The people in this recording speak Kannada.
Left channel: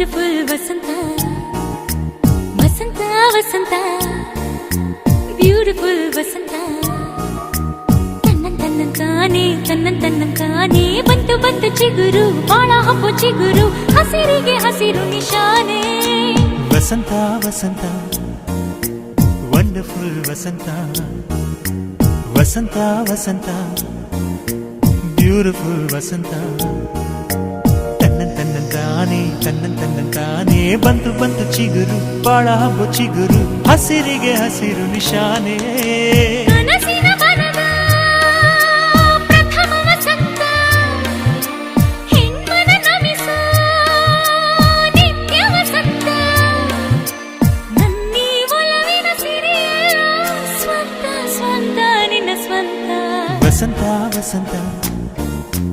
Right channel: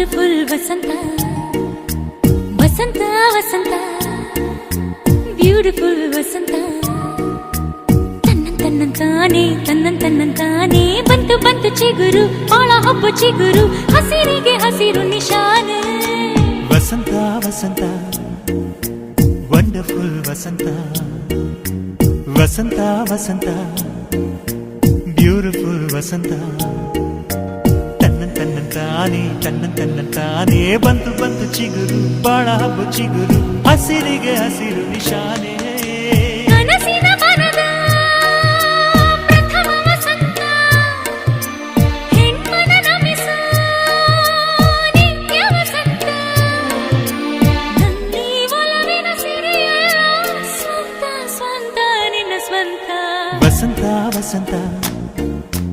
ವಂಡರ್ಫುಲ್ ವಸಂತ ವಸಂತ ವಸಂತ ಬ್ಯೂಟಿಫುಲ್ ವಸಂತ ತನ್ನಂತಾನೆ ಬಂತು ಬಂತು ಚಿಗುರು ಬಾಳ ಹಬ್ಬ ಚಿಗುರು ಹಸಿರಿಗೆ ಹಸಿರು ನಿಶಾನೆ ವಸಂತ ವಸಂತ ವಂಡರ್ಫುಲ್ ವಸಂತ ವಸಂತ ವಸಂತ ಬ್ಯೂಟಿಫುಲ್ ವಸಂತ ತನ್ನಂತಾನೆ ಬಂತು ಬಂತು ಚಿಗುರು ಬಾಳ ಹಬ್ಬ ಚಿಗುರು ಹಸಿರಿಗೆ ಹಸಿರು ನಿಶಾನೆ